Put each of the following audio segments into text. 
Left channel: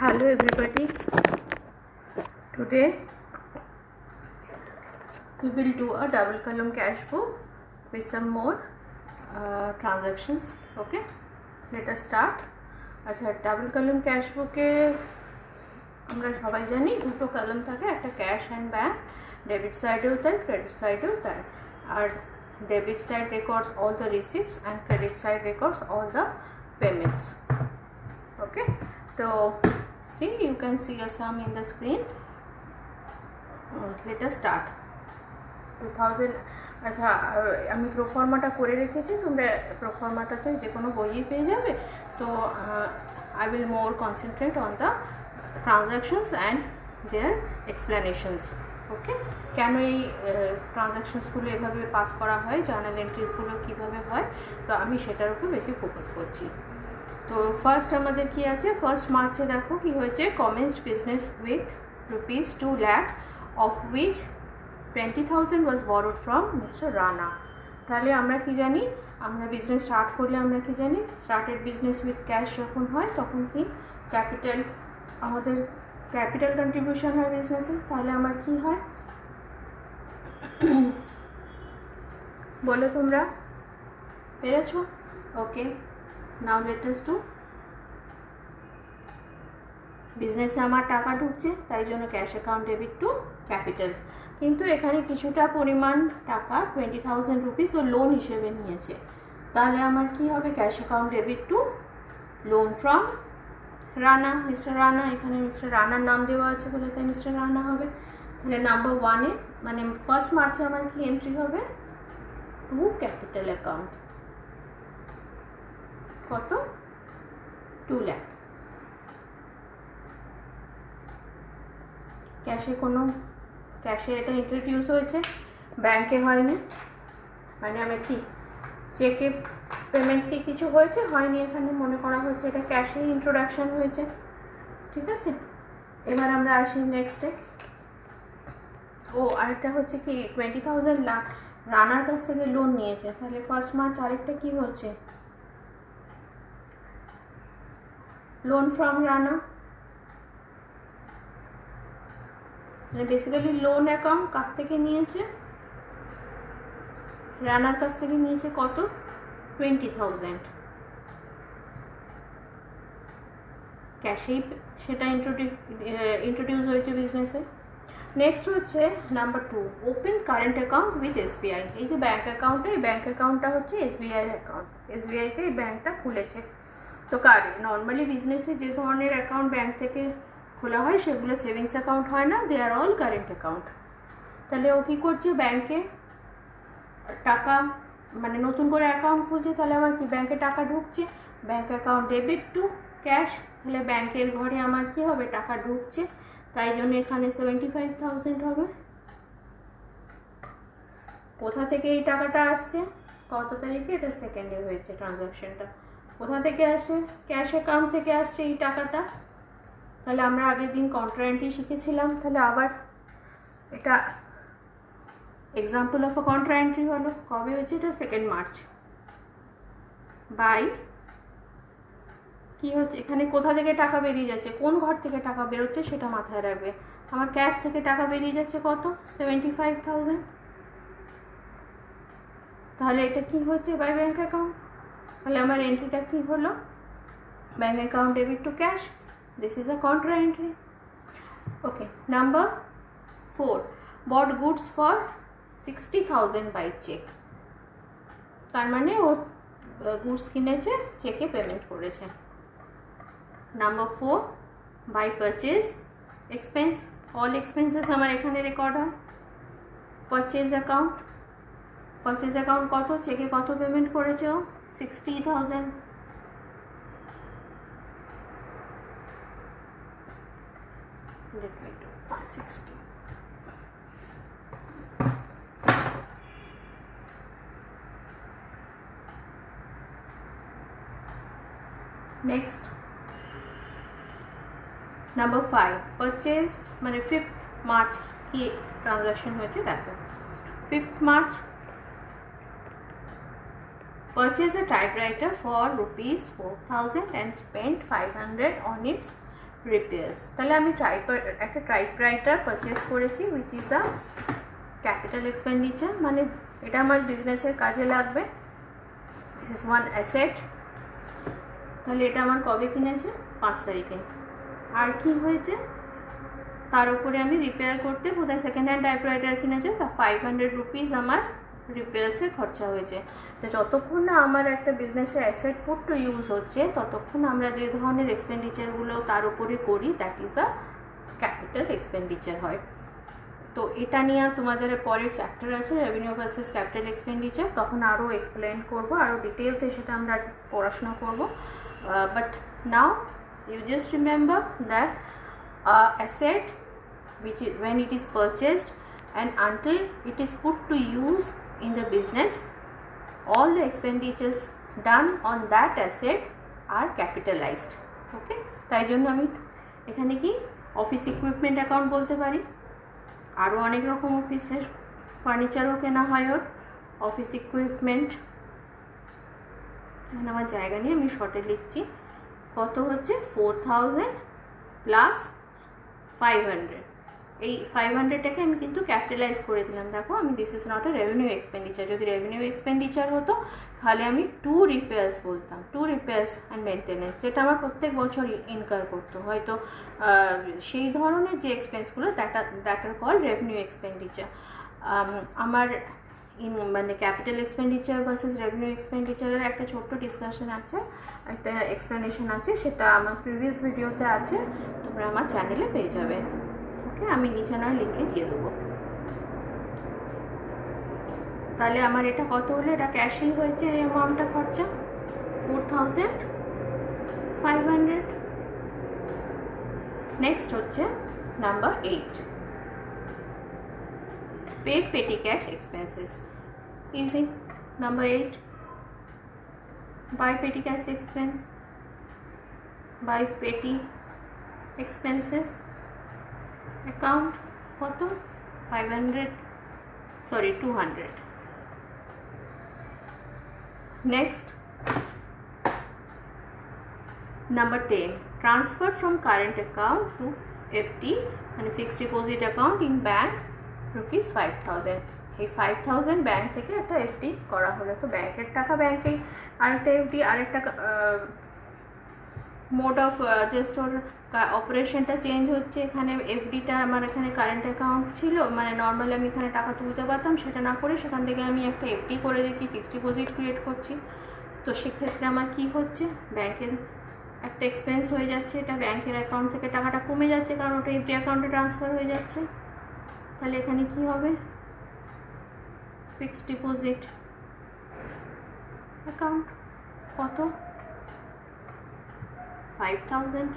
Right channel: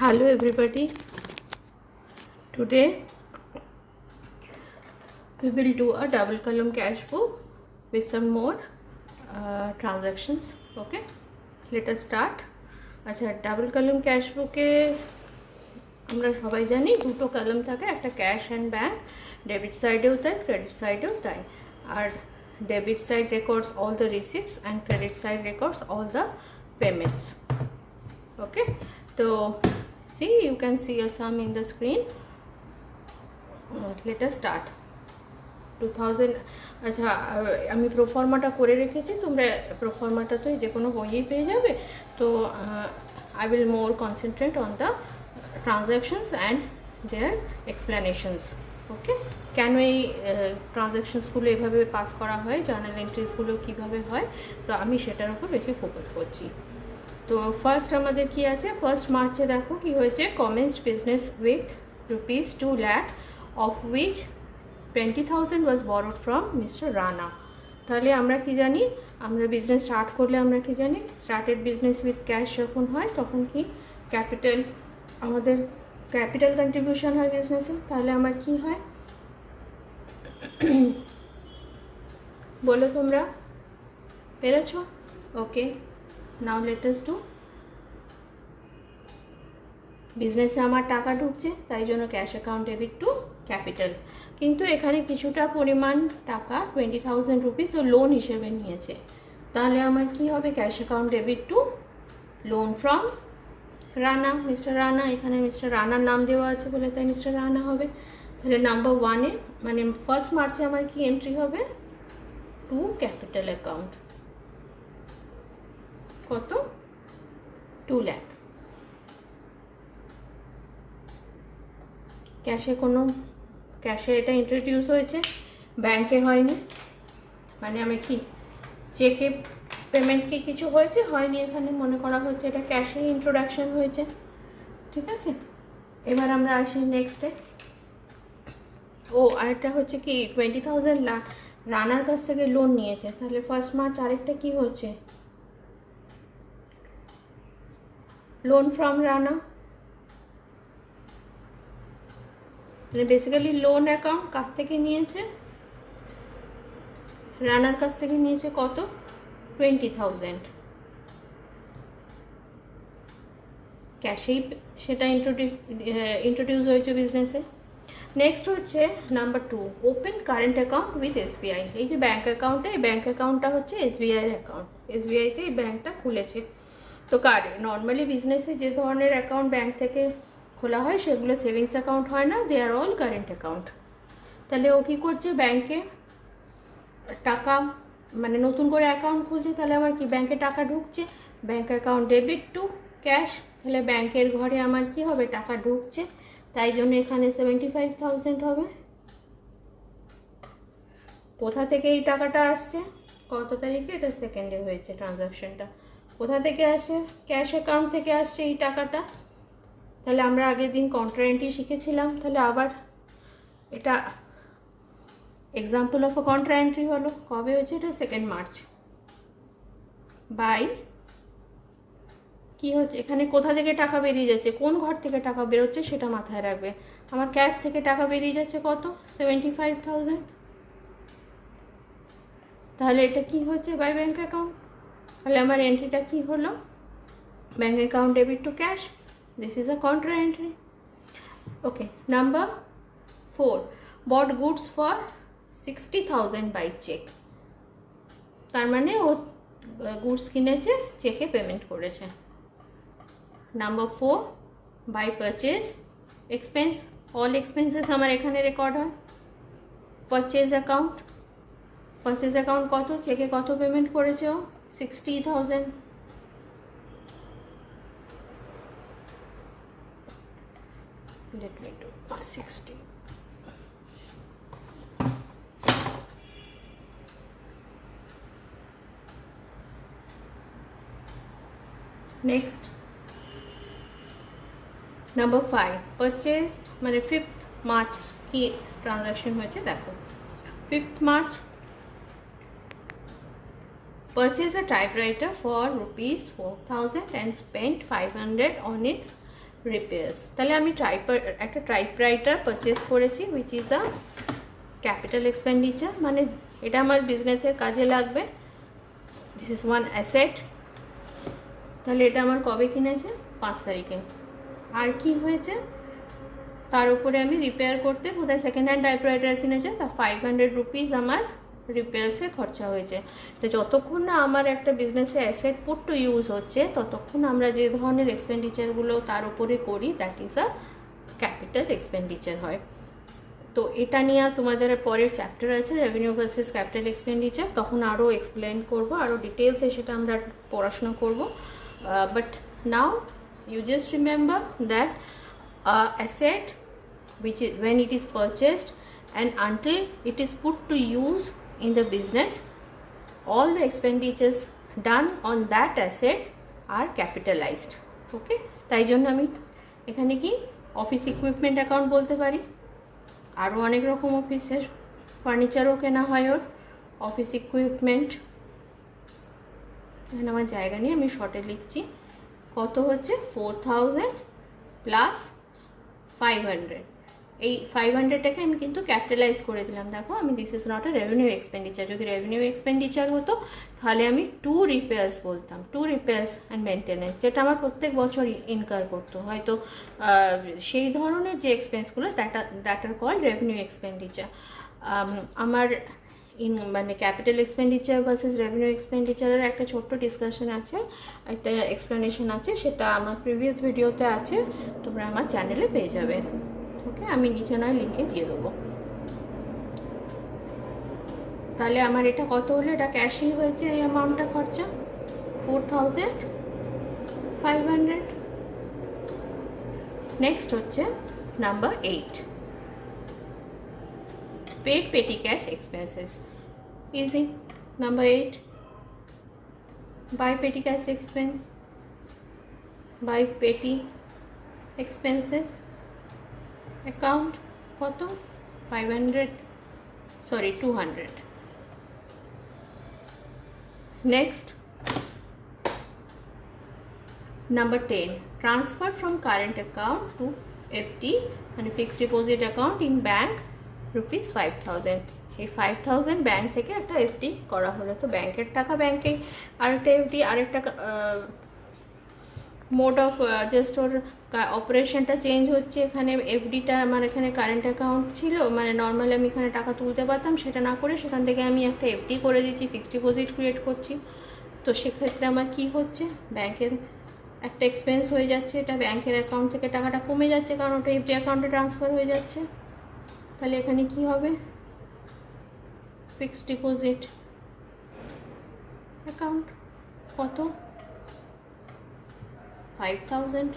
Hello everybody. Today we will do a double column cash book with some more transactions. Okay, let us start. আচ্ছা, double column cash বুকে আমরা সবাই জানি দুটো column থাকে, একটা ক্যাশ অ্যান্ড ব্যাংক, ডেবিট সাইডেও তাই ক্রেডিট সাইডেও তাই। আর debit side records all the receipts and credit side records all the payments. Okay, তো see, you can see a sum in the screen. Let us start. 2000 আচ্ছা, আমি প্রোফর্মাটা করে রেখেছি, তোমরা প্রোফর্মাটা তো যে কোনো বইয়েই পেয়ে যাবে। তো I will more concentrate on the transactions and their explanations. Okay, কেন এই ট্রানজ্যাকশনসগুলো এভাবে পাস করা হয়, জার্নাল এন্ট্রিজগুলো কীভাবে হয়, তো আমি সেটার উপর বেশি ফোকাস করছি। তো ফার্স্ট আমাদের কি আছে, ফার্স্ট মার্চে দেখো কি হয়েছে, commenced business with ₹2 lakh of which 20,000 was borrowed from mister Rana. তাহলে আমরা কি জানি, আমরা বিজনেস স্টার্ট করলে আমরা কি জানি, স্টার্টেড বিজনেস উইথ ক্যাশ যখন হয় তখন কি ক্যাপিটাল, আমাদের ক্যাপিটাল কন্ট্রিবিউশন হয় বিজনেসে। তাহলে আমার কি হয় বলো তোমরা, পেরেছো? ওকে, নাও লেট আস ডু। বিজনেসে আমার টাকা ঢুকছে, তাই জন্য cash account debit two capital. কিন্তু এখানে কিছুটা পরিমাণ টাকা 20,000 রুপিস ও লোন হিসেবে নিয়েছে, তাহলে আমার কি হবে, cash account debit two loan from Rana, mister Rana. এখানে মিস্টার রানার নাম দেওয়া আছে বলে তাই মিস্টার রানা হবে। তাহলে নাম্বার 1-এ মানে ফার্স্ট মার্চে আমার কি এন্ট্রি হবে, টু ক্যাপিটাল অ্যাকাউন্ট, কত, 2 lakh। ক্যাশে কোনো, ক্যাশে এটা ইন্ট্রোডিউস হয়েছে, ব্যাংকে হয়নি, মানে আমি কি চেকে পেমেন্ট কি কিছু হয়েছে, হয়নি, এখানে মনে করা হচ্ছে এটা ক্যাশে ইন্ট্রোডাকশন হয়েছে। ঠিক আছে, এবার আমরা আসি নেক্সটে। ও আরেকটা হচ্ছে কি 20,000 লাখ রানার কাছ থেকে লোন নিয়েছে, তাহলে ফার্স্ট মার্চ আরেকটা কি হচ্ছে, loan from Rana. Basically loan account কার থেকে নিয়েছে, রানার কাছ থেকে নিয়েছে, কত, 20,000। ক্যাশেই সেটা ইন্ট্রোডিউস হয়েছে বিজনেসে। নেক্সট হচ্ছে number 2, open current account with SBI. এই যে ব্যাঙ্ক অ্যাকাউন্টে, এই ব্যাঙ্ক অ্যাকাউন্টটা হচ্ছে এসবিআই অ্যাকাউন্ট, এসবিআইতে এই ব্যাঙ্কটা খুলেছে। তো নর্মালি বিজনেসে যে ধরনের অ্যাকাউন্ট ব্যাঙ্ক থেকে খোলা হয় সেগুলো সেভিংস অ্যাকাউন্ট হয় না, দে আর অল কারেন্ট অ্যাকাউন্ট। তাহলে ও কী করছে, ব্যাংকে টাকা, মানে নতুন করে অ্যাকাউন্ট খুলছে, তাহলে আমার কি ব্যাংকে টাকা ঢুকছে, bank account debit to cash, তাহলে ব্যাংকের ঘরে আমার কি হবে, টাকা ঢুকছে, তাই জন্য এখানে 75,000 হবে। কোথা থেকে এই টাকাটা আসছে, কত তারিখে, এটা সেকেন্ডে হয়েছে ট্রানজ্যাকশনটা, কোথা থেকে আসে, ক্যাশ অ্যাকাউন্ট থেকে আসছে এই টাকাটা। তাহলে আমরা আগের দিন কন্ট্রা এন্ট্রি শিখেছিলাম, তাহলে আবার এটা example of a contra entry হলো, কবে হয়েছে এটা, 2 মার্চ। বাই কি হচ্ছে, এখানে কোথা থেকে টাকা বেরিয়ে যাচ্ছে, কোন ঘর থেকে টাকা বেরোচ্ছে সেটা মাথায় রাখবে। আমার ক্যাশ থেকে টাকা বেরিয়ে যাচ্ছে কত, 75,000। তাহলে এটা কি হচ্ছে, বাই ব্যাঙ্ক অ্যাকাউন্ট। তাহলে আমার এন্ট্রিটা কি হলো, bank account debit to cash, this is a contra entry. Okay, number 4, bought goods for 60,000 by cheque. তার মানে ও গুডস কিনেছে, চেকে পেমেন্ট করেছে। Number 4, by purchase expense, all expenses আমার এখানে রেকর্ড হয়। পারচেজ অ্যাকাউন্ট, পারচেজ অ্যাকাউন্ট কত, চেকে কত পেমেন্ট করেছে ও, 60,000। Let me do 60. Next, number 5, purchase মানে 5th মার্চ কি ট্রানজ্যাকশন হয়েছে দেখো। 5th March purchase a typewriter for ₹4,000 and spent 500 on its repairs. তাহলে আমি একটা টাইপরাইটার পারচেস করেছি, which is a capital expenditure, মানে এটা আমার বিজনেসের কাজে লাগবে। This is one asset. তাহলে এটা আমার কবে কিনেছে? 5 তারিখে। আর কি হয়েছে? তার উপরে আমি রিপেয়ার করতে কোথায় সেকেন্ড হ্যান্ড টাইপরাইটার কিনেছে, তা 500 রুপিস আমার রিপেয়ার্সে খরচা হয়েছে। তো যতক্ষণ না আমার একটা বিজনেসে অ্যাসেট পুট টু ইউজ হচ্ছে, ততক্ষণ আমরা যে ধরনের এক্সপেন্ডিচারগুলো তার উপরে করি, that is a capital expenditure হয়। তো এটা নিয়ে তোমাদের পরের চ্যাপ্টার আছে রেভিনিউ ভার্সেস ক্যাপিটাল এক্সপেন্ডিচার, তখন আরও এক্সপ্লেন করব, আরও ডিটেলসে সেটা আমরা পড়াশোনা করব। But now you just remember that asset which is when it is purchased and until it is put to use in the business, all the expenditures done on that asset are capitalized. Okay, তাই জন্য আমি এখানে কি office equipment account বলতে পারি। আরও অনেক রকম অফিসের ফার্নিচারও কেনা হয় ওর অফিস ইকুইপমেন্ট। এখানে আমার জায়গা নিয়ে আমি শর্টে লিখছি। কত হচ্ছে? 4000 প্লাস 500। এই 500টাকে আমি কিন্তু ক্যাপিটালাইজ করে দিলাম। দেখো আমি this is not a revenue expenditure. যদি রেভিনিউ এক্সপেন্ডিচার হতো তাহলে আমি 2 রিপেয়ার্স বলতাম, 2 রিপেয়ার্স অ্যান্ড মেনটেন্যান্স, যেটা আমার প্রত্যেক বছর ইনকার করতো। হয়তো সেই ধরনের যে এক্সপেন্সগুলো that are call revenue expenditure. আমার মানে ক্যাপিটাল এক্সপেন্ডিচার ভার্সেস রেভিনিউ এক্সপেন্ডিচারের একটা ছোট্ট ডিসকাশন আছে, একটা এক্সপ্লেনেশন আছে, সেটা আমার প্রিভিয়াস ভিডিওতে আছে, তোমরা আমার চ্যানেলে পেয়ে যাবে। ওকে, আমি নিচে নয় লিঙ্কে দিয়ে দেবো। তাহলে আমার এটা কত হলো? এটা ক্যাশই হয়েছে এই অ্যামাউন্টটা খরচা 4500। নেক্সট হচ্ছে number 8, paid petty cash expenses. Easy. Number 8, buy petty cash expense, buy petty expenses account কত? 500, sorry 200. Next, number 10, transfer from current account to FD and fixed deposit account in bank rupees 5000। এই 5000 bank থেকে একটা FD করা হলো। তো ব্যাংকের টাকা ব্যাংকে, আরেকটা এফডি, আরেকটা মোড অফ জাস্ট ওর অপারেশনটা চেঞ্জ হচ্ছে। এখানে এফডিটা আমার এখানে কারেন্ট অ্যাকাউন্ট ছিল, মানে নর্মালি আমি এখানে টাকা তুলতে পারতাম, সেটা না করে সেখান থেকে আমি একটা এফডি করে দিচ্ছি, ফিক্সড ডিপোজিট ক্রিয়েট করছি। তো সেক্ষেত্রে আমার কি হচ্ছে? ব্যাংকের একটা এক্সপেন্স হয়ে যাচ্ছে, এটা ব্যাংকের অ্যাকাউন্ট থেকে টাকাটা কমে যাচ্ছে, কারণ ওটা এফডি অ্যাকাউন্টে ট্রান্সফার হয়ে যাচ্ছে। তাহলে এখানে কি হবে? ফিক্সড ডিপোজিট অ্যাকাউন্ট কত? 5000।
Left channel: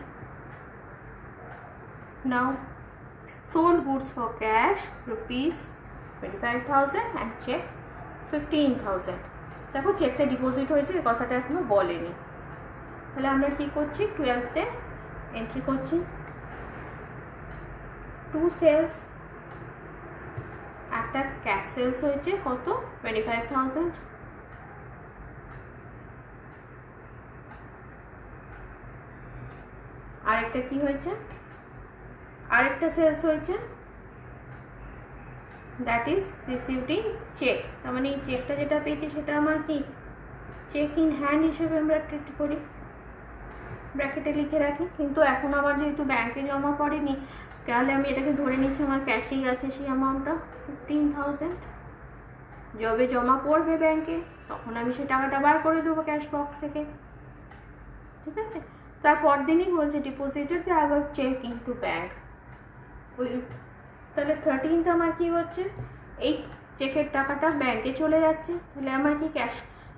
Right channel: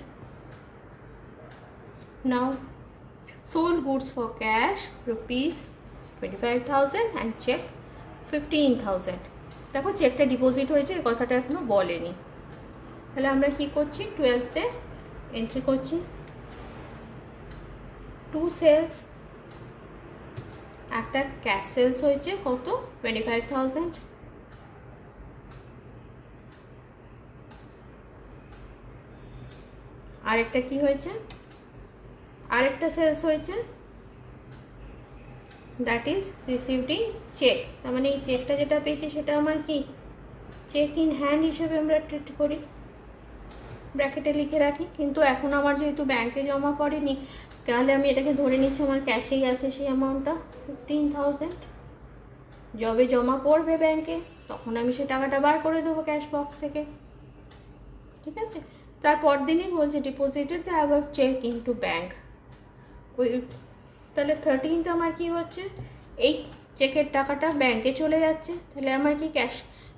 নাও sold goods for cash rupees 25,000 and check 15,000। দেখো চেকটা ডিপোজিট হয়েছে, এই কথাটা এখনো বলেনি। তাহলে আমরা কি করছি? 12তে এন্ট্রি করছি 2 সেলস, একটা ক্যাশ সেলস হয়েছে কত? 25,000। আরেকটা কি হয়েছে? আরেকটা সেলস হয়েছে, that is received in cheque. তার মানে এই চেকটা যেটা পেয়েছি সেটা আমার কি চেক ইন হ্যান্ড হিসেবে আমরা ট্রিট করি, ব্র্যাকেটে লিখে রাখি। কিন্তু এখন আমার যেহেতু ব্যাংকে জমা পড়েনি, তাহলে আমি এটাকে ধরে নিচ্ছি আমার ক্যাশেই আছে সেই অ্যামাউন্টটা 15,000। যবে জমা পড়বে ব্যাংকে তখন আমি সেই টাকাটা বার করে দেবো ক্যাশ বক্স থেকে, ঠিক আছে? তারপর দিনই বলছে deposited the above cheque into bank. ওই তাহলে 13th আমার কি হচ্ছে? এই চেকের টাকাটা ব্যাংকে চলে যাচ্ছে। তাহলে আমার কি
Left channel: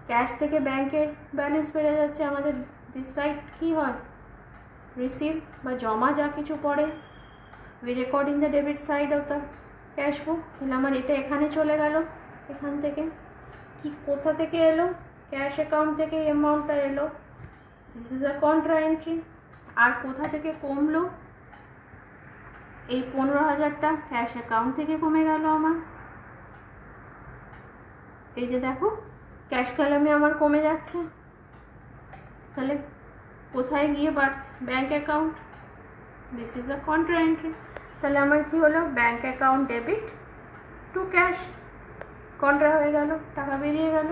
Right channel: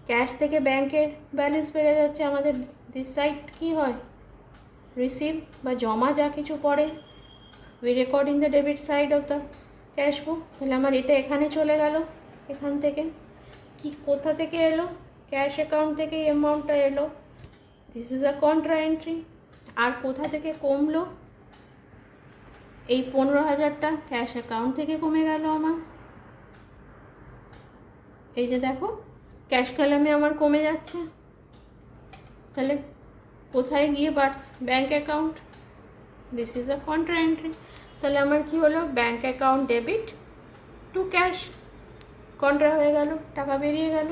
ক্যাশ থেকে ব্যাংকের ব্যালেন্স বেড়ে যাচ্ছে। আমাদের দিস সাইড কি হয়? রিসিভ বা জমা যা কিছু পড়ে, we record in the debit side of the cash বুক। তাহলে আমার এটা এখানে চলে গেল, এখান থেকে কি কোথা থেকে এলো? ক্যাশ অ্যাকাউন্ট থেকে এই অ্যামাউন্টটা এলো, this is a contra entry. আর কোথা থেকে কমলো? এই 15,000টা ক্যাশ অ্যাকাউন্ট থেকে কমে গেল আমার। এই যে দেখো ক্যাশ কলামে আমার কমে যাচ্ছে। তাহলে কোথায় গিয়ে বাড়ছে? Bank account. This is a contra entry. তাহলে আমার কি হলো, bank account debit to cash, contra হয়ে গেল, টাকা বেরিয়ে গেল।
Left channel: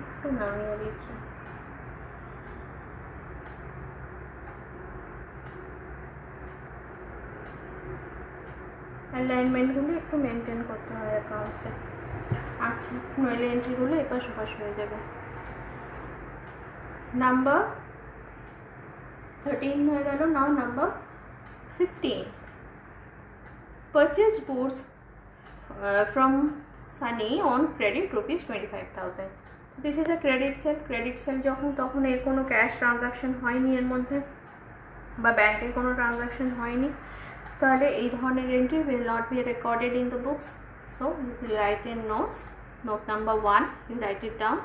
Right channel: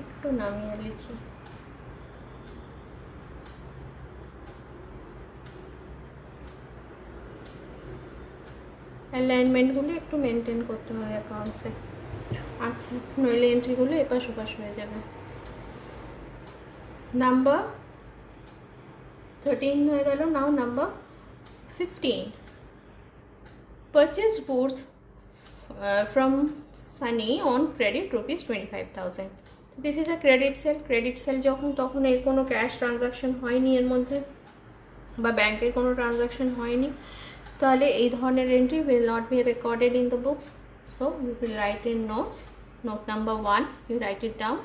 একটু নামিয়ে লিখি। অ্যালাইনমেন্টগুলো একটু মেনটেন করতে হয় অ্যাকাউন্টসে। আচ্ছা, নইলে এন্ট্রিগুলো এপাশ ওপাশ হয়ে যাবে। নাম্বার 13 হয়ে গেল। নাও number 15, purchased goods from Sunny on credit rupees 25,000. This is a credit sale. Credit sale যখন তখন এর কোনো ক্যাশ ট্রানজাকশন হয়নি এর মধ্যে, বা ব্যাংকের কোনো ট্রানজাকশন হয়নি, তাহলে এই ধরনের entry will not be recorded in the books. So you will write in notes. Note number 1, you write it down.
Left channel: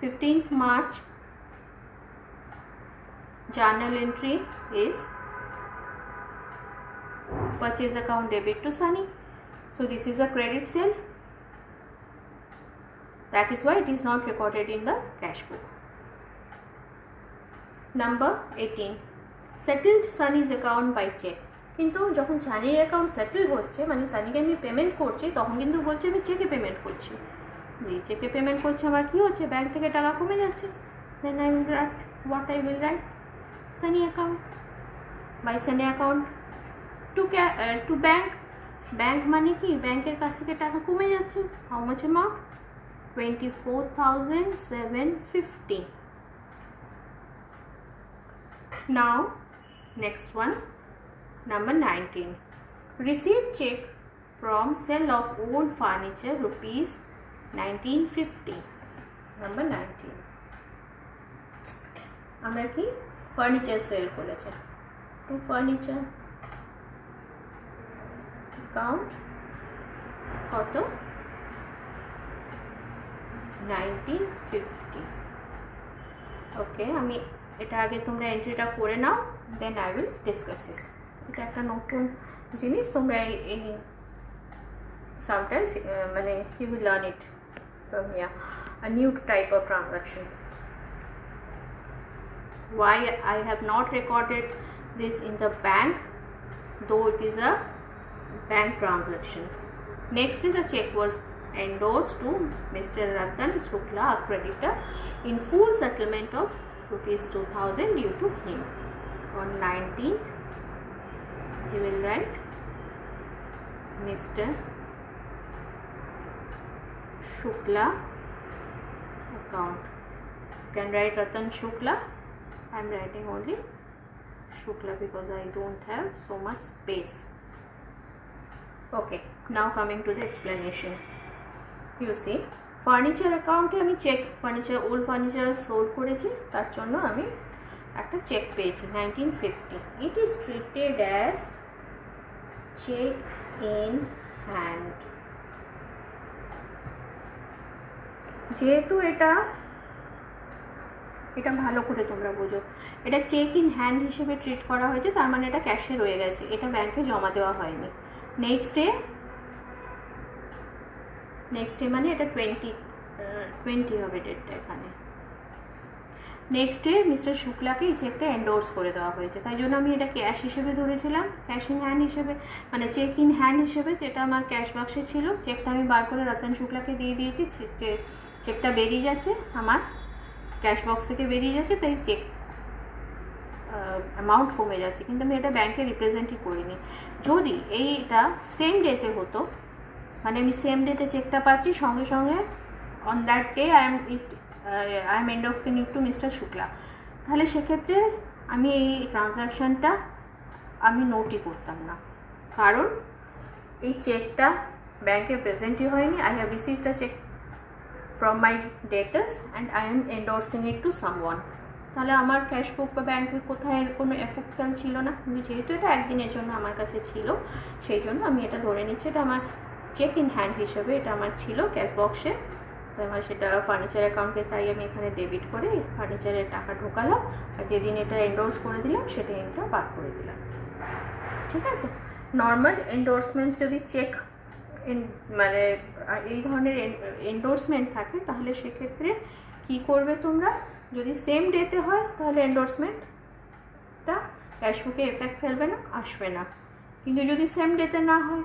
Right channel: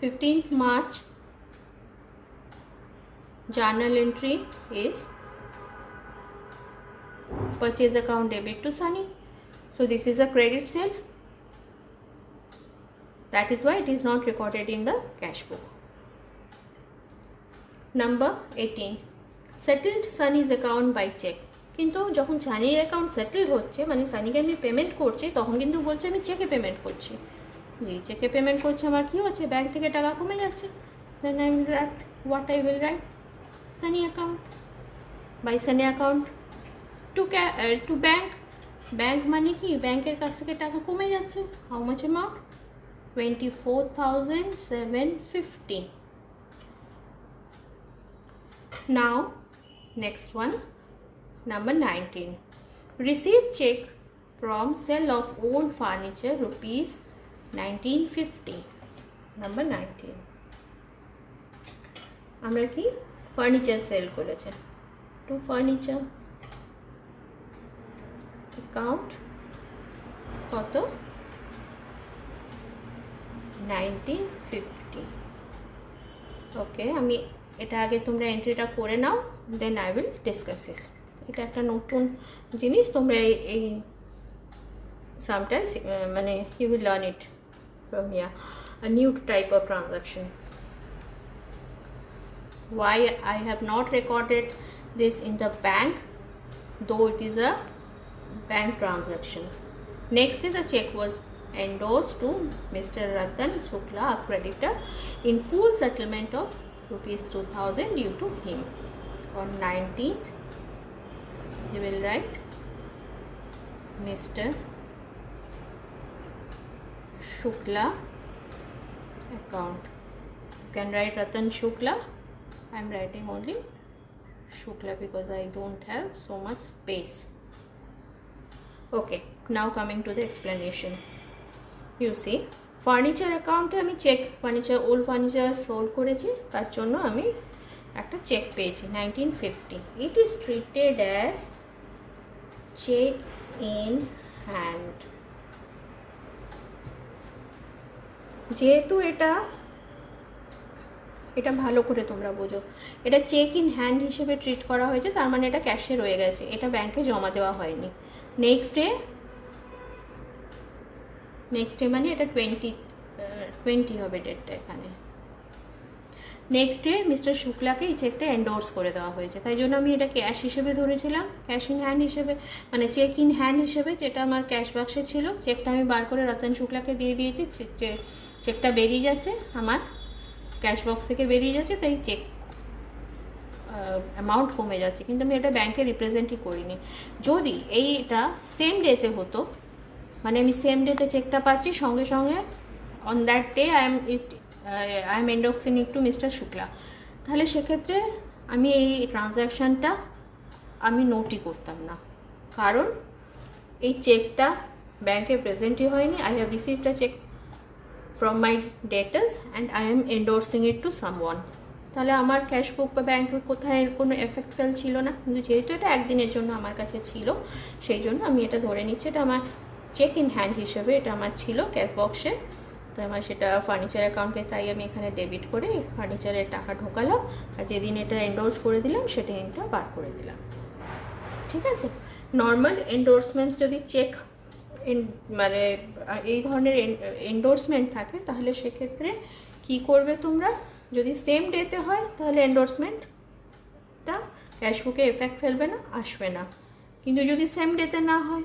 15th March journal entry is purchase account debit to Sunny. So this is a credit sale. That is why it is not recorded in the cash book. Number 18, settled Sunny's account by check. কিন্তু যখন সানির account settle হচ্ছে, মানে সানিকে আমি payment করছি, তখন কিন্তু বলছে আমি চেকে পেমেন্ট করছি। যে চেকে পেমেন্ট করছে আমার কি হচ্ছে, ব্যাংক থেকে টাকা কমে যাচ্ছে। Then I will write what I will write, Sunny account by Sunny account to bank. Bank মানে কি, ব্যাংকের কাছ থেকে টাকা কমে যাচ্ছে। How much amount, 24,750. Now next one, number 19, receive check from sale of old furniture rupees 1950. Number 19, আমরা কি ফার্নিচার সেল করেছে, টু ফার্নিচার অ্যাকাউন্ট কত, 1950. ওকে, আমি এটা আগে তোমরা এন্ট্রিটা করে নাও, then I will discuss this. এটা একটা নতুন জিনিস, তোমরা এই সামটাইমস মানে you will learn it from here, a new type of transaction. Why I have not recorded this in the bank, though it is a bank transaction. Next is a check was endorsed to Mr. Ratan Shukla, a creditor, in full settlement of rupees 2,000 due to him. On 19th, he will write Mr. Shukla account. You can write Ratan Shukla. I am writing only Shukla because I don't have so much space. Okay, now coming to the explanation. You see, furniture অ্যাকাউন্টে আমি cheque, furniture old furniture sold করেছি, তার জন্য আমি একটা cheque পেয়েছি 1950. It is treated as cheque in hand. যেহেতু এটা ভালো করে তোমরা বোঝো, এটা চেক ইন হ্যান্ড হিসেবে ট্রিট করা হয়েছে, তার মানে এটা ক্যাশে রয়ে গেছে, এটা ব্যাংকে জমা দেওয়া হয়নি। নেক্সট ডে মানে এটা 20 হবে ডেটটা এখানে। নেক্সট ডে মিস্টার শুক্লাকে এই চেকটা এন্ডোর্স করে দেওয়া হয়েছে, তাই জন্য আমি এটা ক্যাশ হিসেবে ধরেছিলাম, ক্যাশ ইন হ্যান্ড হিসেবে, মানে চেক ইন হ্যান্ড হিসেবে, যেটা আমার ক্যাশ বাক্সে ছিল। চেকটা আমি বার করে রতন শুক্লাকে দিয়ে দিয়েছি, চেকটা বেরিয়ে যাচ্ছে আমার ক্যাশ বক্স থেকে বেরিয়ে যাচ্ছে, তাই চেক অ্যামাউন্ট কমে যাচ্ছে, কিন্তু আমি এটা ব্যাংকে রিপ্রেজেন্টই করিনি। যদি এইটা সেম ডেতে হতো, মানে আমি সেম ডেতে চেকটা পাচ্ছি, সঙ্গে সঙ্গে on that day I am endorsing it to mister Shukla, তাহলে সেক্ষেত্রে আমি এই ট্রানজ্যাকশানটা আমি নোটই করতাম না, কারণ এই চেকটা ব্যাংকে প্রেজেন্টই হয়নি। I have received a cheque from my debtors and I am endorsing it to someone, তাহলে আমার ক্যাশ বুক বা ব্যাংকে কোথায় কোনো এফেক্ট ফেল ছিল না। কিন্তু যেহেতু এটা একদিনের জন্য আমার কাছে ছিল, সেই জন্য আমি এটা ধরে নিচ্ছি, এটা আমার চেক ইন হ্যান্ড হিসেবে এটা আমার ছিল ক্যাশ বক্সে, তাই আমার সেটা ফার্নিচার অ্যাকাউন্টে, তাই আমি এখানে ডেবিট করে ফার্নিচারের টাকা ঢোকালাম, আর যেদিন এটা এন্ডোর্স করে দিলাম সেটা দিনটা বার করে দিলাম। ঠিক আছে, নর্মাল এন্ডোর্সমেন্ট যদি চেক মানে এই ধরনের এন্ডোর্সমেন্ট থাকে, তাহলে সেক্ষেত্রে কি করবে তোমরা, যদি সেম ডেতে হয় তাহলে এন্ডোর্সমেন্টটা ক্যাশবুকে এফেক্ট ফেলবে না, আসবে না। কিন্তু যদি সেম ডেতে না হয়,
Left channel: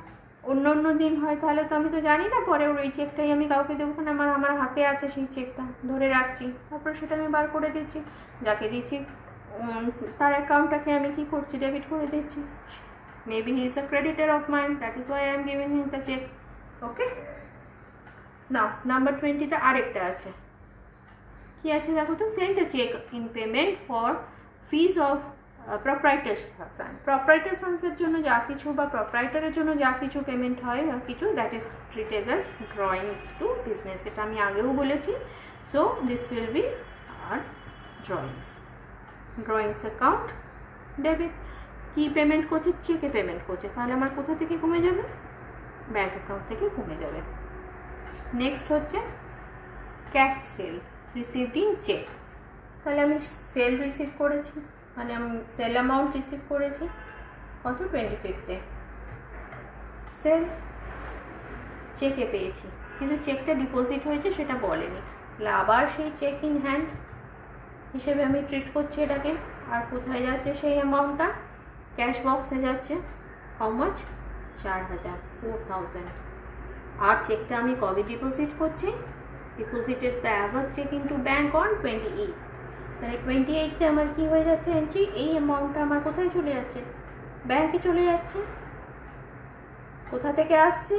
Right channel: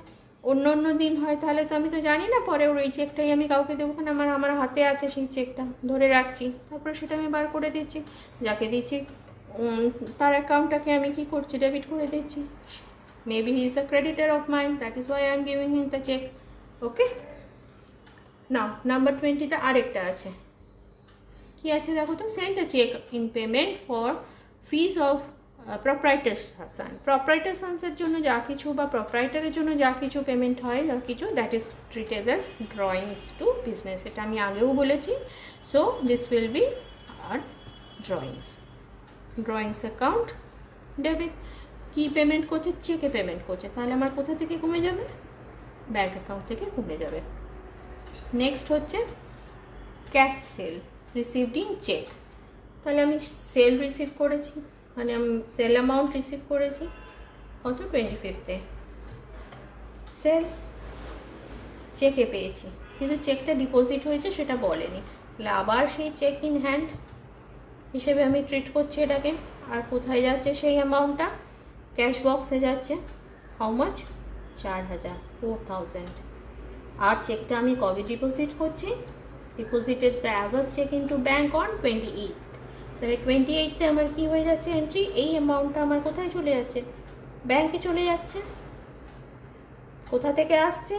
অন্য অন্য দিন হয়, তাহলে তো আমি তো জানি না পরে ওই চেকটাই আমি কাউকে দেবো, কারণ আমার হাতে আছে সেই চেকটা, ধরে রাখছি, তারপরে সেটা আমি বার করে দিচ্ছি, যাকে দিচ্ছি তার অ্যাকাউন্টটাকে আমি কি করছি, ডেবিট করে দিচ্ছি। Maybe he is a creditor of mine, that is why I am giving him the cheque. Okay, now number 20-তে আরেকটা আছে, কি আছে দেখো তো, send a cheque in payment for fees of proprietor son. প্রপারাইটার সানসের জন্য যা কিছু বা প্রপারাইটারের জন্য যা কিছু পেমেন্ট হয় বা কিছু, that is treated as drawings to business. এটা আমি আগেও বলেছি। সো দিস উইল বি আর ড্রয়িংস অ্যাকাউন্ট ডেবিট। কি পেমেন্ট করছে, চেকে পেমেন্ট করছে, তাহলে আমার কোথা থেকে কমে যাবে, ব্যাঙ্ক অ্যাকাউন্ট থেকে কমে যাবে। নেক্সট হচ্ছে cash sale received in cheque. তাহলে আমি সেল রিসিভ করেছি, মানে আমি সেল অ্যামাউন্ট রিসিভ করেছি কত, 25-এ সেল চেকে পেয়েছি, কিন্তু চেকটা ডিপোজিট হয়েছে সেটা বলেনি, তাহলে আবার সেই চেক ইন হ্যান্ড হিসেবে আমি ট্রিট করছি এটাকে। আর কোথায় যাচ্ছে সেই অ্যামাউন্টটা, ক্যাশ বক্সে যাচ্ছে। How much, 4000, 4000। আর চেকটা আমি কবে ডিপোজিট করছি, deposited the above cheque into bank on 28। তাহলে 28-তে আমার কি হয়ে যাচ্ছে এন্ট্রি, এই অ্যামাউন্টটা আমার কোথায় চলে যাচ্ছে, ব্যাঙ্কে চলে যাচ্ছে। কোথা থেকে আসছে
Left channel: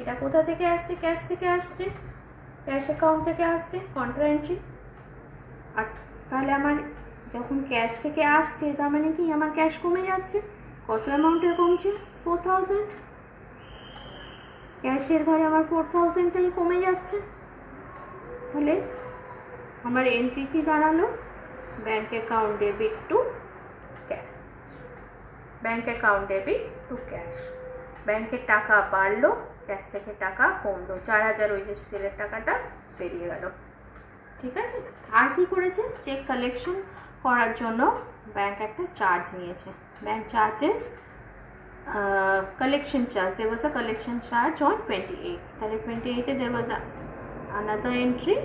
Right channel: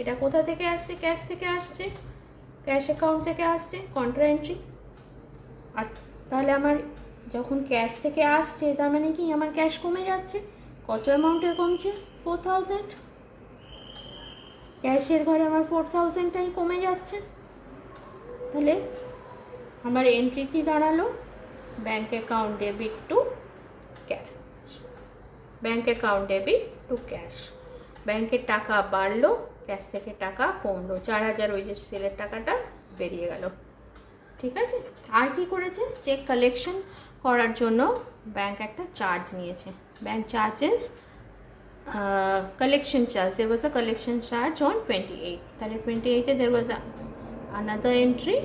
এটা, কোথা থেকে আসছে, ক্যাশ থেকে আসছে, ক্যাশ অ্যাকাউন্ট থেকে আসছে, কন্ট্রা এন্ট্রি। আর তাহলে আমার যখন ক্যাশ থেকে আসছে, তার মানে কি আমার ক্যাশ কমে যাচ্ছে, কত অ্যামাউন্টে কমছে, 4000। ক্যাশের ঘরে আমার 4000টাই কমে যাচ্ছে, তাহলে আমার এন্ট্রি কি দাঁড়ালো, bank account debit to cash, bank account debit to cash. ব্যাঙ্কের টাকা বাড়লো, ক্যাশ থেকে টাকা কমলো, 4000 ওই যে সেলের টাকাটা বেরিয়ে গেল। ঠিক আছে, আর কি করেছে, চেক কালেকশন করার জন্য ব্যাঙ্ক একটা চার্জ নিয়েছে, bank charges collection charge. There was a collection charge on 28. তাহলে 28-এ there was another entry.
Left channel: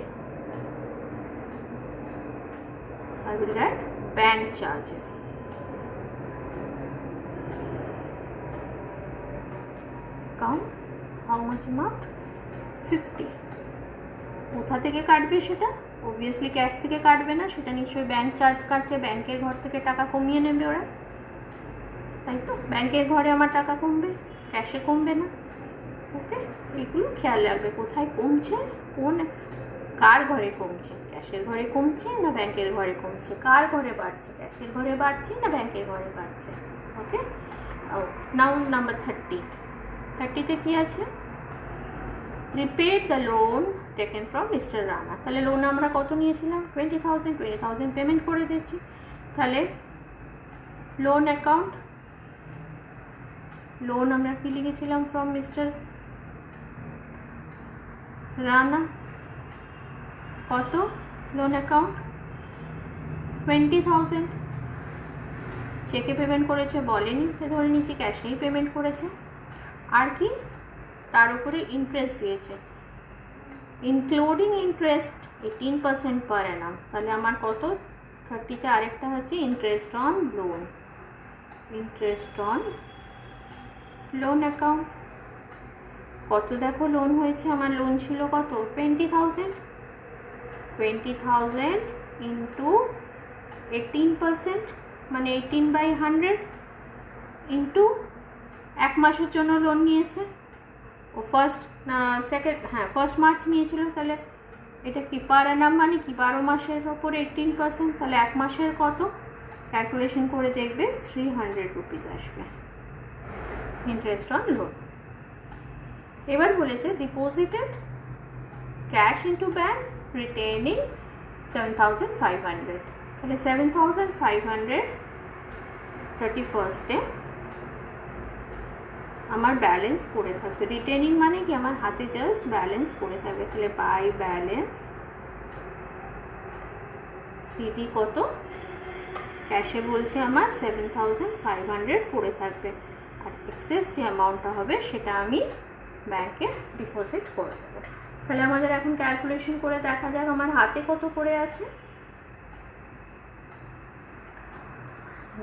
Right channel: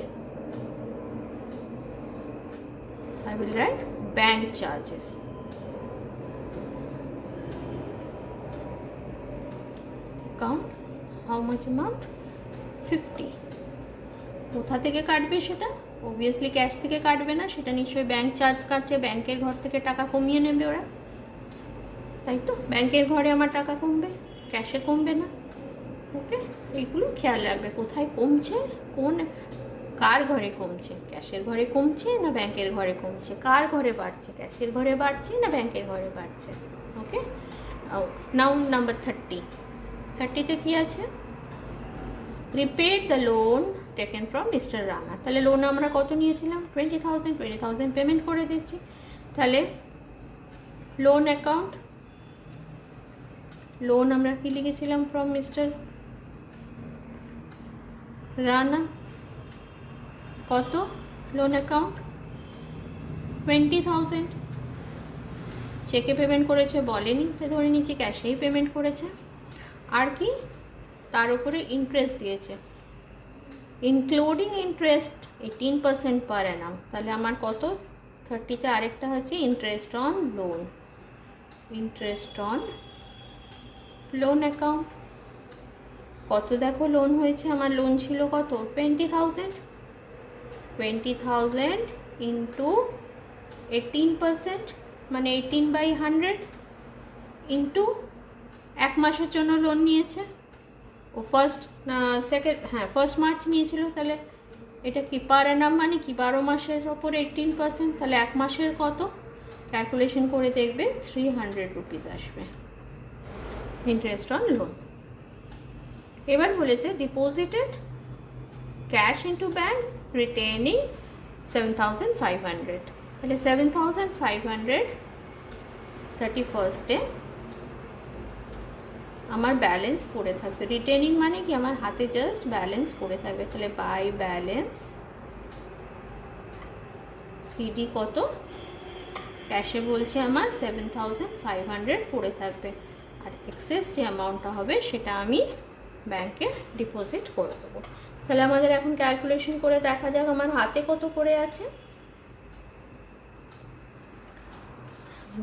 I will write bank charges. Count how much amount, 50. কোথা থেকে কাটবে সেটা, অবভিয়াসলি ক্যাশ থেকে কাটবে না, সেটা নিশ্চয়ই ব্যাঙ্ক চার্জ কাটছে, ব্যাঙ্কের ঘর থেকে টাকা কমিয়ে নেবে ওরা, তাই তো, ব্যাঙ্কের ঘরে আমার টাকা কমবে, ক্যাশে কমবে না। ওকে, এইগুলো খেয়াল রাখবে, কোথায় কমছে, কার ঘরে কমছে, ক্যাশের ঘরে কমছে না ব্যাঙ্কের ঘরে কমছে, কার ঘরে বাড়ছে, ক্যাশের ঘরে বাড়ছে না ব্যাঙ্কের ঘরে বাড়ছে। ওকে, নাও নাম্বার 30-তে কি আছে, রিপেড the loan taken from mister Rana. তাহলে লোন আমরা কত নিয়েছিলাম, 20,000 পেমেন্ট করে দিচ্ছি। তাহলে লোন অ্যাকাউন্ট, লোন আমরা কি লিখেছিলাম, ফ্রম মিস্টার রানা, কত, লোন অ্যাকাউন্ট 20,000। চেকে পেমেন্ট করেছে বলেনি, তো ধরে নিচ্ছি ক্যাশেই পেমেন্ট করেছে। আর কি, তার উপরে ইন্টারেস্ট দিয়েছে, ইনক্লুডিং ইন্টারেস্ট 18% পার অ্যানাম। তাহলে আমার কত, 30-তে আরেকটা হচ্ছে interest on loan, interest on loan account. কত দেখো লোন হয়েছে, আমার লোন ছিল কত, 20,000 ইন্টু 18%, মানে 18/100 ইন্টু 1 মাসের জন্য লোন নিয়েছে ও, ফার্স্ট মার্চ নিয়েছিল। তাহলে এটা কি পার অ্যানাম, মানে কি 12 মাসের ওপরে 18%, তাহলে 1 মাসের কত, ক্যালকুলেশন করে দেখবে 300 রুপিস আসবে ইন্টারেস্ট অন লোন। এবার বলেছে deposited cash into bank retaining 7,500। তাহলে 7,500 31st-এ আমার ব্যালেন্স পড়ে থাকবে, রিটেনিং মানে কি আমার হাতে জাস্ট ব্যালেন্স পড়ে থাকবে। তাহলে বাই ব্যালেন্স সিডি কত, ক্যাশে বলছে আমার 7,500 পড়ে থাকবে, আর এক্সেস যে অ্যামাউন্টটা হবে সেটা আমি ব্যাংকে ডিপোজিট করে দেবো। তাহলে আমাদের এখন ক্যালকুলেশন করে দেখা যাক আমার হাতে কত পড়ে আছে।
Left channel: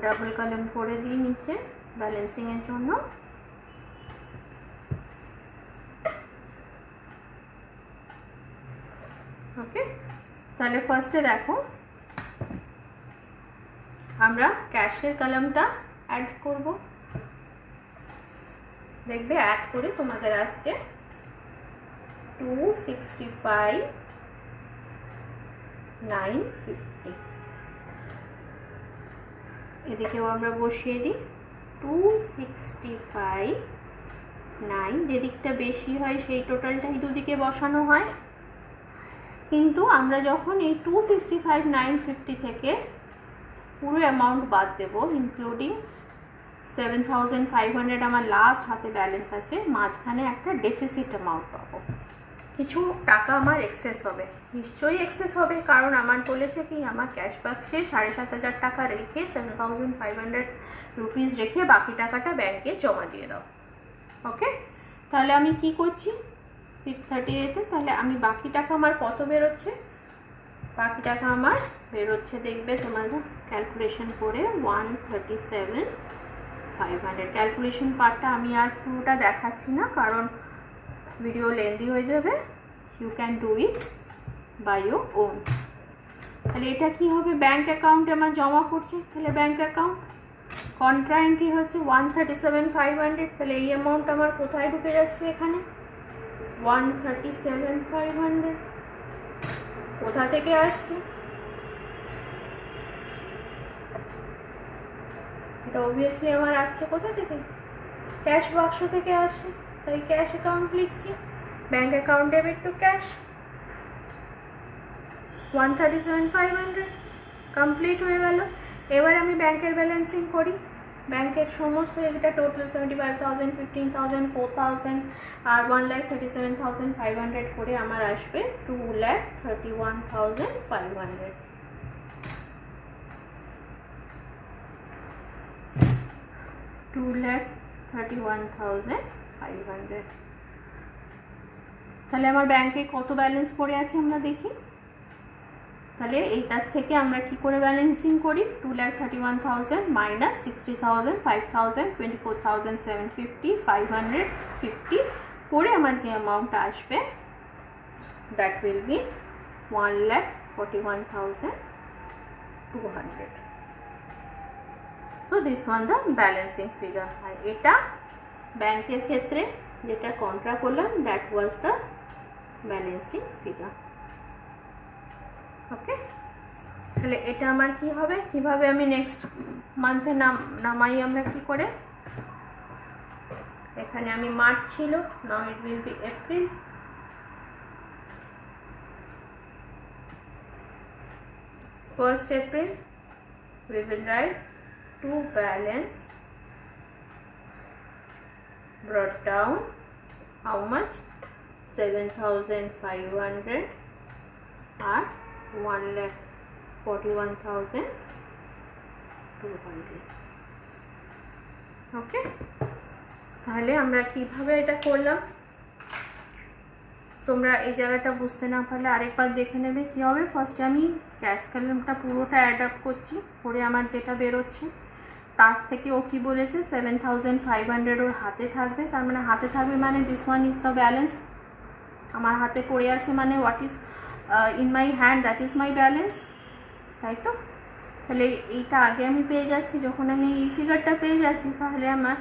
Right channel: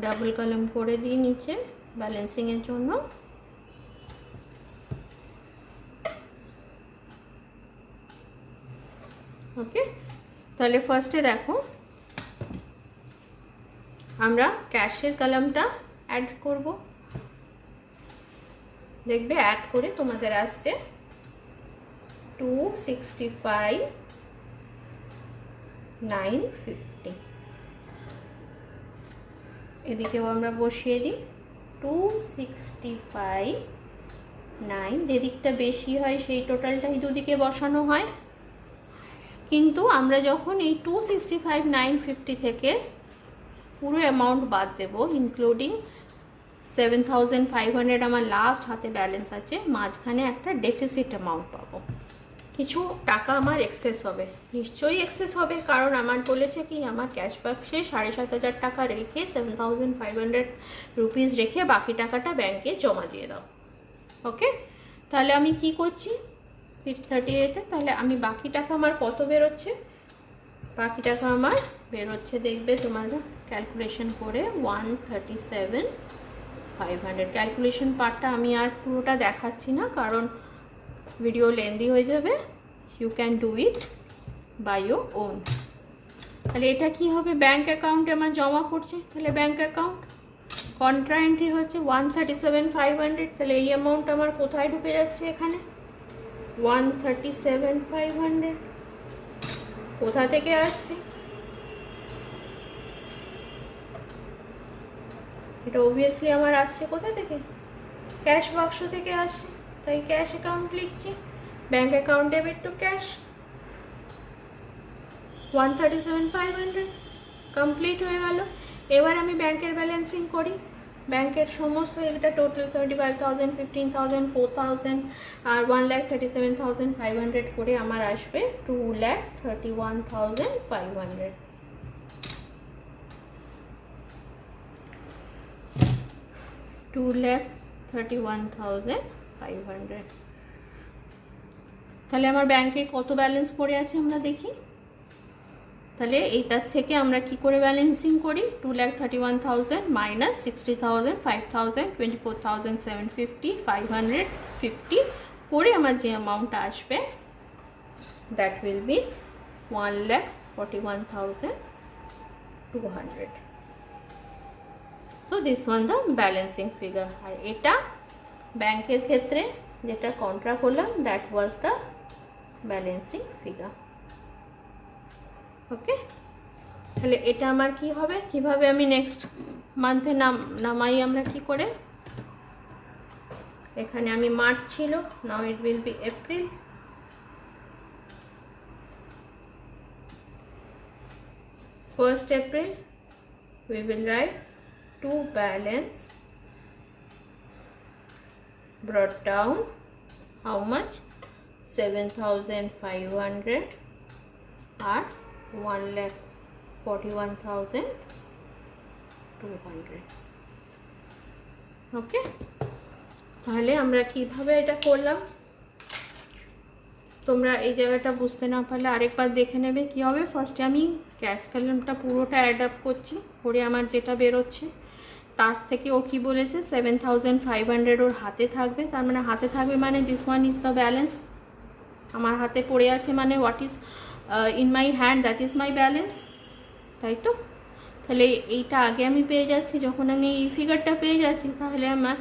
ডাবল কলাম করে দিই নিচে ব্যালেন্সিংয়ের জন্য। ওকে, তাহলে ফার্স্টে দেখো আমরা ক্যাশের কলামটা অ্যাড করব। দেখবে অ্যাড করে তোমাদের আসছে 265,950। এদিকেও আমরা বসিয়ে দিই 265,9, যেদিকটা বেশি হয় সেই টোটালটাই দুদিকে বসানো হয়। কিন্তু আমরা যখন এই 265,950 থেকে পুরো অ্যামাউন্ট বাদ দেব, ইনক্লুডিং 7,500 আমার লাস্ট হাতে ব্যালেন্স আছে, মাঝখানে একটা ডেফিসিট অ্যামাউন্ট পাবো। কিছু টাকা আমার এক্সেস হবে, নিশ্চয়ই এক্সেস হবে, কারণ আমার বলেছে কি আমার ক্যাশ বাক্সে 7,500 টাকা রেখে 7,500 রুপিস রেখে বাকি টাকাটা ব্যাংকে জমা দিয়ে দাও। ওকে, তাহলে আমি কি করছি 38-এ, তাহলে আমি বাকি টাকা আমার কত বেরোচ্ছে, বাকি টাকা আমার বেরোচ্ছে দেখবে তোমার ক্যালকুলেশন করে 137,500। ক্যালকুলেশন পার্টটা আমি আর পুরোটা দেখাচ্ছি না কারণ ভিডিও লেন্দি হয়ে যাবে, you can do it by your own. তাহলে এটা কি হবে, ব্যাঙ্ক অ্যাকাউন্টে আমার জমা করছে, তাহলে ব্যাঙ্ক অ্যাকাউন্ট কন্ট্রা এন্ট্রি হচ্ছে 137,500। তাহলে এই অ্যামাউন্ট আমার কোথায় ঢুকে যাচ্ছে, এখানে 137,500 কোথা থেকে আসছে, এটা অবভিয়াসলি আমার আসছে কোথা থেকে, ক্যাশ বাক্স থেকে আসছে, তাই ক্যাশ অ্যাকাউন্ট লিখছি, bank account debit to cash 137,500 complete হয়ে গেল। এবার আমি ব্যাংকের ব্যালেন্সিং করি, ব্যাংকের সমস্ত এটা টোটাল 75,000, 15,000, 4,000 আর 1,37,500 করে আমার আসবে 2,31,500। 2,31,500। তাহলে আমার ব্যাংকে কত ব্যালেন্স পড়ে আছে আমরা দেখি। তাহলে এইটার থেকে আমরা কি করে ব্যালেন্সিং করি, 2,31,000 মাইনাস 60,000, 5,000, 24,750, 550 করে আমার যে অ্যামাউন্টটা আসবে that will be 1,41,200। So this one the balancing figure. আর এটা ব্যাংকের ক্ষেত্রে যেটা কন্ট্রা করলাম that was the balancing figure. Okay, তাহলে এটা আমার কি হবে, কিভাবে আমি নেক্সট মান্থে নামাই আমরা কি করে, এখানে আমি মার্চ ছিল, now it will be April. First April we will write to balance brought down how much, 7,500 or 1,41,200। ওকে, তাহলে আমরা কিভাবে এটা করলাম, তোমরা এই জায়গাটা বুঝতে না পারলে আরেকবার দেখে নেবে কি হবে। ফার্স্টে আমি ক্যাশ কলামটা পুরোটা অ্যাড আপ করছি, করে আমার যেটা বেরোচ্ছে তার থেকে ও কি বলেছে 7,500 ওর হাতে থাকবে, তার মানে হাতে থাকবে মানে this one is the balance, আমার হাতে পড়ে আছে মানে what is in my hand that is my balance, তাই তো। তাহলে এইটা আগে আমি পেয়ে যাচ্ছি, যখন আমি এই ফিগারটা পেয়ে যাচ্ছি তাহলে আমার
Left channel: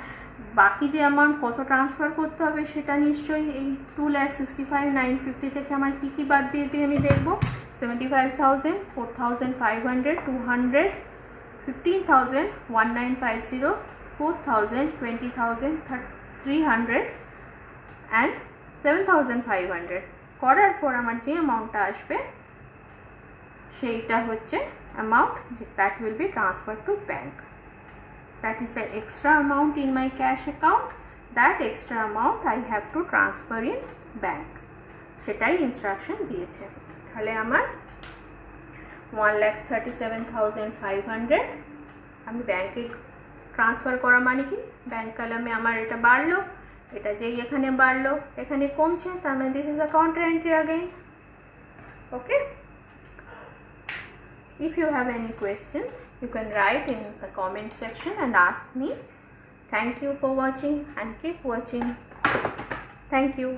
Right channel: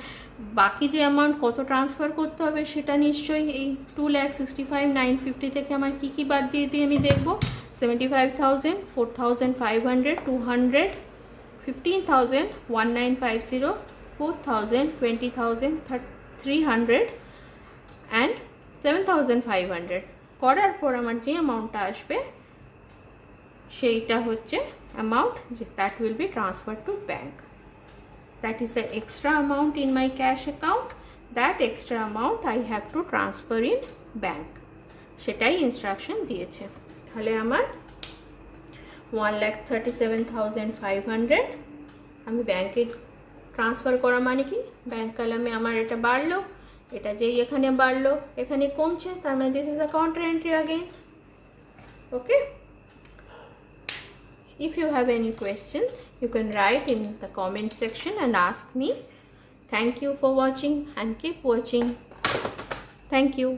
বাকি যে অ্যামাউন্ট কত ট্রান্সফার করতে হবে সেটা নিশ্চয়ই এই 2,65,950 থেকে আমার কী কী বাদ দিয়ে দিয়ে আমি দেখব, 75,000, 4,500, 200, 15,000, 1,950, 4,000, 20,000, 300 অ্যান্ড 7,500 করার পর আমার যে অ্যামাউন্টটা আসবে সেইটা হচ্ছে amount that will be transferred to bank. That is the extra amount in my cash account. That extra amount I have to transfer in bank. সেটাই ইনস্ট্রাকশন দিয়েছে। তাহলে আমার 1,37,500 আমি ব্যাংকে ট্রান্সফার করা মানে কি, ব্যাংক কলামে আমার এটা বাড়লো, এটা যেই এখানে বাড়লো এখানে কমছে, তার মানে this is a counter entry again. Okay, if you have any question you can write in the comment section and ask me. Thank you for watching and keep watching. Thank you.